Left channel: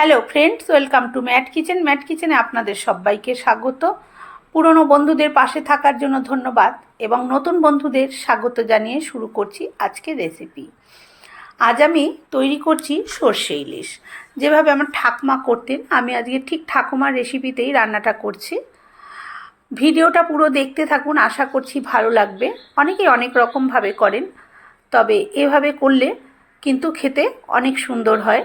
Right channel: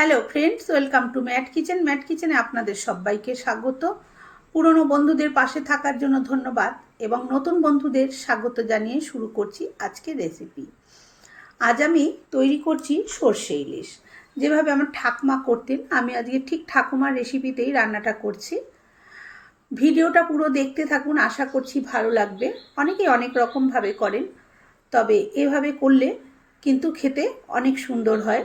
Hello friends, welcome to Matt kitchen. Matt কিচেনে আপনাদের সবাইকে স্বাগত। পুরনো বন্ধুদের পাশে থাকার জন্য ধন্যবাদ এবং নতুন বন্ধুদের স্বাগত জানিয়ে শুরু করছি আজকে রেসিপি। আজ আমি তৈরি করছি সর্ষে ইলিশ। যেভাবে আমার ঠাকমা করতেন, আমি আজকে ঠিক ঠাকুমার রেসিপিতেই রান্নাটা করছি। ভিডিওটা পুরো দেখতে থাকুন, আশা করছি ভালো লাগবে। অনেকে অনেক রকমভাবে করেন, তবে এভাবে করলে কিন্তু খেতে অনেক সুন্দর হয়।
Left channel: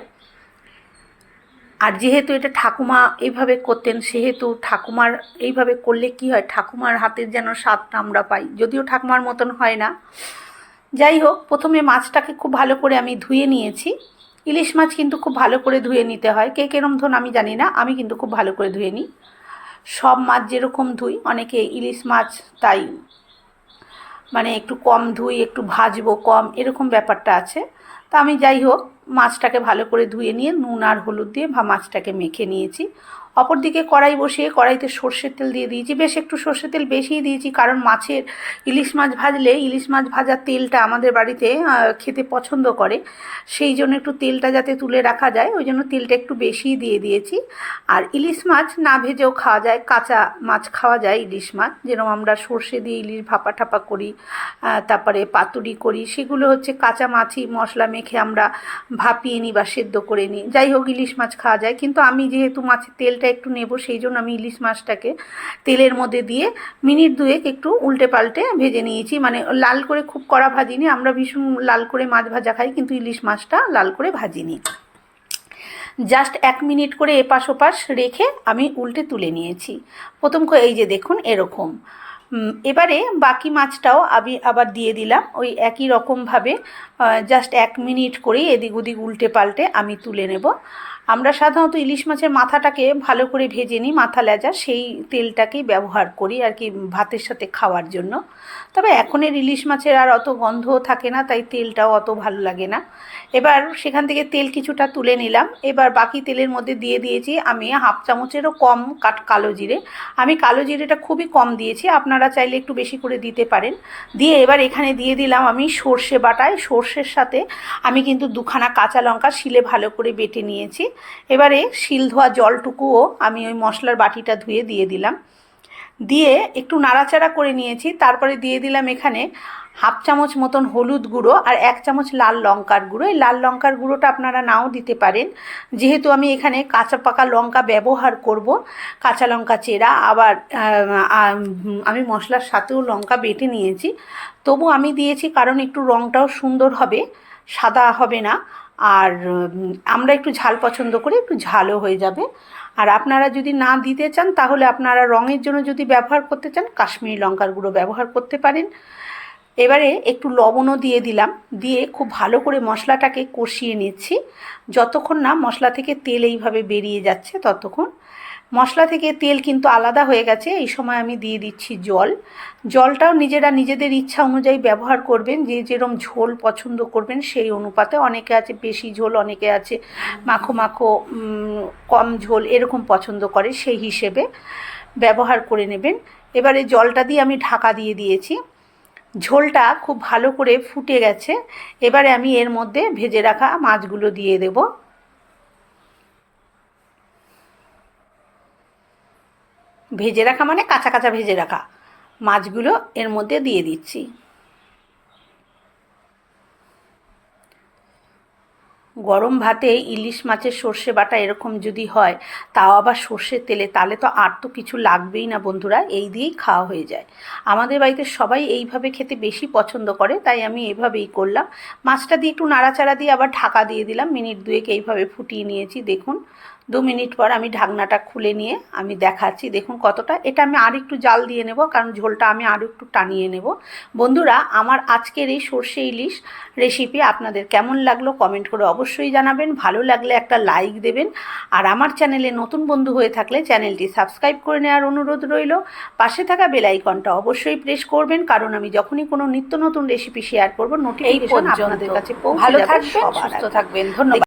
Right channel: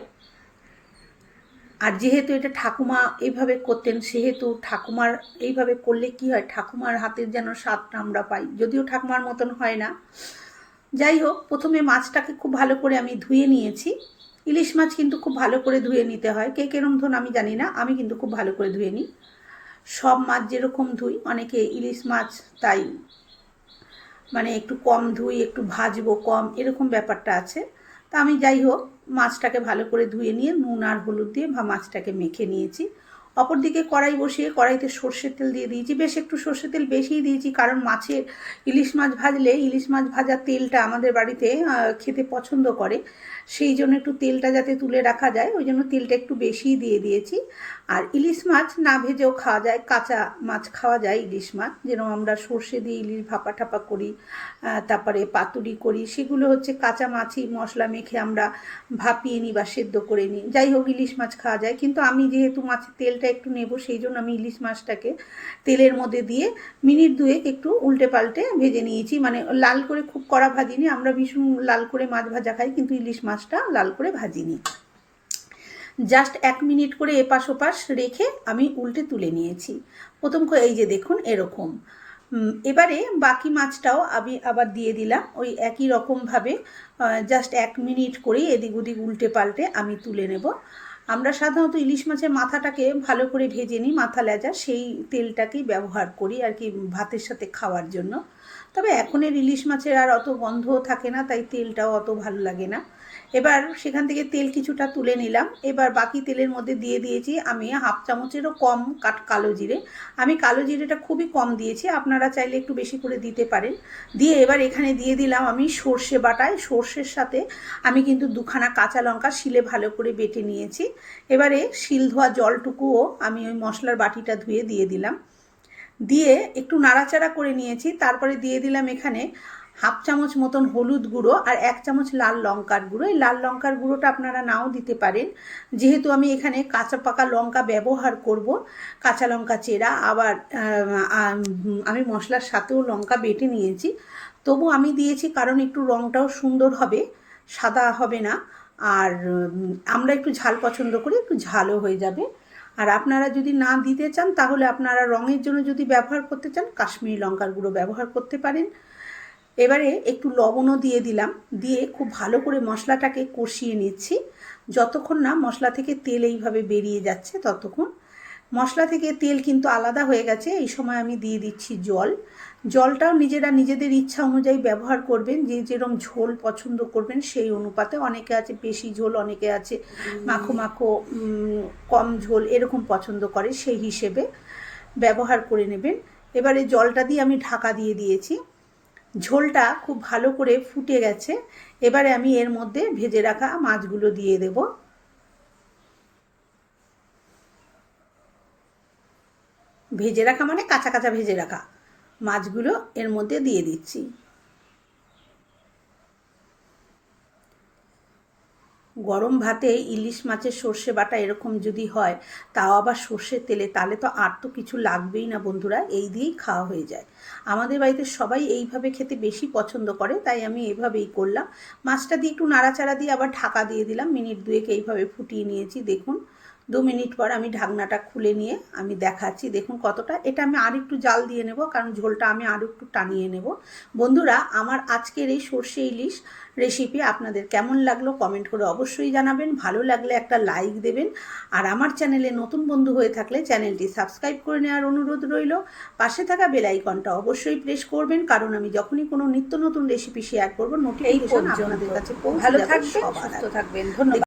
আর যেহেতু এটা ঠাকুমা এইভাবে করতেন, সেহেতু ঠাকুমার এইভাবে করলে কি হয়? ঠাকুমার হাতের যেন স্বাদটা আমরা পাই। যদিও ঠাকুমার মতন হয় না। যাই হোক, প্রথমে মাছটাকে খুব ভালো করে আমি ধুয়ে নিয়েছি। ইলিশ মাছ কিন্তু খুব ভালো করে ধুয়ে নিতে হয়। কে কেরম ধরুন আমি জানি না, আমি কিন্তু খুব ভালো করে ধুয়ে নিই। সব মাছ যেরকম ধুই, অনেকে ইলিশ মাছ তাই মানে একটু কম ধুই, একটু ভাজবো কম, এরকম ব্যাপারটা আছে। তা আমি যাই হোক মাছটাকে ভালো করে ধুয়ে নিয়ে নুন আর হলুদ দিয়ে বা মাছটাকে মেখে নিয়েছি। অপরদিকে কড়াই বসিয়ে কড়াইতে সর্ষের তেল দিয়ে দিয়েছি। বেশ একটু সর্ষের তেল বেশিই দিয়েছি কারণ মাছের ইলিশ মাছ ভাজলে ইলিশ মাছ ভাজার তেলটা আমাদের বাড়িতে খেতে পছন্দ করে। সেই জন্য একটু তেলটা যাতে তুলে রাখা যায়, ওই জন্য তেলটা একটু বেশিই দিয়ে দিয়েছি। আর ইলিশ মাছ না ভেজেও খাওয়া যায়, কাঁচা মাছ খাওয়া যায় ইলিশ মাছ। যেরকম আমরা সর্ষে দিয়ে ইলিশ ভাপা ঠাপা করি তারপরে পাতুরি করি, সেগুলো হচ্ছে কাঁচা মাছই মশলা মেখে আমরা ভাপিয়ে নিই বা সেদ্ধ করে নিই যাই হোক, ইলিশ মাছ খাওয়া যায়। কিন্তু আমি যেহেতু মাছের তেলটা একটু নেব, সেই জন্য আমি ইলিশ মাছটাকে তেলের মধ্যে দিয়ে মিনিট দুয়েক একটু উল্টে পাল্টে ভেজে নিয়েছি। মানে লাল করে খুব কড়া ভাজিনি। আমরা ভীষণ লাল করে মাছ ভাজা খাই, কিন্তু ইলিশ মাছটা লাল করে ভাজিনি। জাস্ট এক মিনিট করে এপাশ ওপাশ রেখে আমি উল্টে তুলে নিয়েছি। প্রথম এই যে দেখুন, এরকম। এবারে বাকি মাছটাও আমি আবার দিয়ে দিলাম। ওই একই রকমভাবে জাস্ট এক মিনিট করেই এদিক ওদিক উল্টে পাল্টে আমি তুলে নেব। আমরা সাধারণত ইলিশ মাছের মাথাটাকে ভালো করে ভেজে নিই, মাথা লেজা, সেই তেলটাকেই ব্যবহার করি আর কি ভাতের সাথে খাওয়ার জন্য। তবে এখনের ইলিশ মাছের আর অত গন্ধও থাকে না, তাই তেলটাও অত ভালো লাগে না। এবার সেখান থেকে তেল কিছুটা তুলে নিলাম। এবার বাকি তেলের মধ্যে দিয়ে দিয়েছি আমি হাফ চামচেরও কম কাট কালো জিরে। আমি কালো জিরেটা খুবই কম দিয়েছি, আপনারা চাইলে একটু বেশি করে দিতে পারেন। দিয়ে এবার এখানে দিয়ে দিলাম আমি সর্ষে বাটায়। সর্ষের সাথে আমি কিন্তু দুখানা কাঁচা লঙ্কা শিলে ভালো করে বেটে নিয়েছি। এবারে শিল ধোয়া জলটুকুও আমি ওই মশলার বাটিটা ধুয়ে দিয়ে দিলাম। দিয়ে একটু নাড়াচাড়া করে নিয়েছি, তারপরে দিয়ে দিলাম এখানে হাফ চামচ মতন হলুদ গুঁড়ো আর এক চামচ লাল লঙ্কার গুঁড়ো। এই লাল লঙ্কার গুঁড়োটা আপনারা নাও দিতে পারেন। যেহেতু আমি এখানে কাঁচা পাকা লঙ্কা ব্যবহার করব, কাঁচা লঙ্কা চেরা, আবার আমি মশলার সাথেও লঙ্কা বেটে নিয়েছি। তবু আমি দিয়েছি কারণ একটু রঙটাও সুন্দর হবে, সাদা হবে না। আর আমরা একটু ঝাল পছন্দ করি, একটু ঝালও হয়ে যাবে। আর আপনারা যদি না দিতে চান, তাহলে আপনারা রঙের জন্য যদি ব্যবহার করতে চান, কাশ্মীরি লঙ্কার গুঁড়ো ব্যবহার করতে পারেন। এবারে একটু লবণও দিয়ে দিলাম। দিয়ে খুব ভালো করে মশলাটাকে কষিয়ে নিচ্ছি। যতক্ষণ না মশলা থেকে তেল এইভাবে বেরিয়ে যাচ্ছে ততক্ষণ। মশলা থেকে তেল কিন্তু আলাদা হয়ে গেছে এই সময় আমি দিয়ে দিচ্ছি জল। জলটাও নিজেরা নিজেদের ইচ্ছা অনুযায়ী ব্যবহার করবেন যে যেরকম ঝোল পছন্দ করবেন সেই অনুপাতে। অনেকে আছে বেশি ঝোল অনেকে আছে মাখো মাখো কম ঝোল এরকম পছন্দ করে সেই হিসেবে ব্যবহার করে নেবেন। এবারে জলটা দিয়ে আমি ঢাকা দিয়ে দিয়েছি। ঝোলটা খুব ভালো করে ফুটে গেছে। এবারে আমি এর মধ্যে ভেজে রাখা মাছগুলো দিয়ে দেব। ভেজে রাখা মানে কাঁচা কাঁচা ভেজে রাখা মাছগুলো এর মধ্যে দিয়ে দিচ্ছি। গরম ভাতে ইলিশ মাছের সর্ষে বাটা এরকম যদি হয়, তাও আবার সর্ষের তেলে, তাহলে তো আর তো কিছু লাগবেই না বন্ধুরা, এই দিয়েই খাওয়া হয়ে যায়। আমাদের বাড়িতে সবাই এইভাবে খেতে বেশি পছন্দ করে, তাই আমি এভাবেই করলাম। মাছটা দিয়ে একটু নাড়াচাড়া দিয়ে আবার ঢাকা দিয়ে দিলাম, মিনিট দুয়েক এইভাবে ফুটিয়ে নিয়েছি, দেখুন। দু মিনিট পর আমি ঢাকনাটা খুলে নিয়ে আমি দেখাচ্ছি। দেখুন কতটা। এটা আমি আর একটু জাল দিয়ে নেব কারণ ঝোলটা আমি আরও একটু টানিয়ে নেব। বন্ধুরা আমার আজকের এই সর্ষে ইলিশ রেসিপি আপনাদের কেমন লাগল কমেন্ট করে অবশ্যই জানাবেন। ভালো লাগলে একটা লাইক দেবেন। আর আমার চ্যানেলে নতুন বন্ধু হয়ে থাকলে চ্যানেলটি সাবস্ক্রাইব করে নেওয়ার অনুরোধ রইল। পাশে থাকা বেলাইকনটা অবশ্যই প্রেস করবেন কারণ আমি যখনই কোনো নিত্য নতুন রেসিপি শেয়ার করব নোটিফিকেশন আপনাদের কাছে পৌঁছে যাবে সবার। থাকবেন। ধন্যবাদ।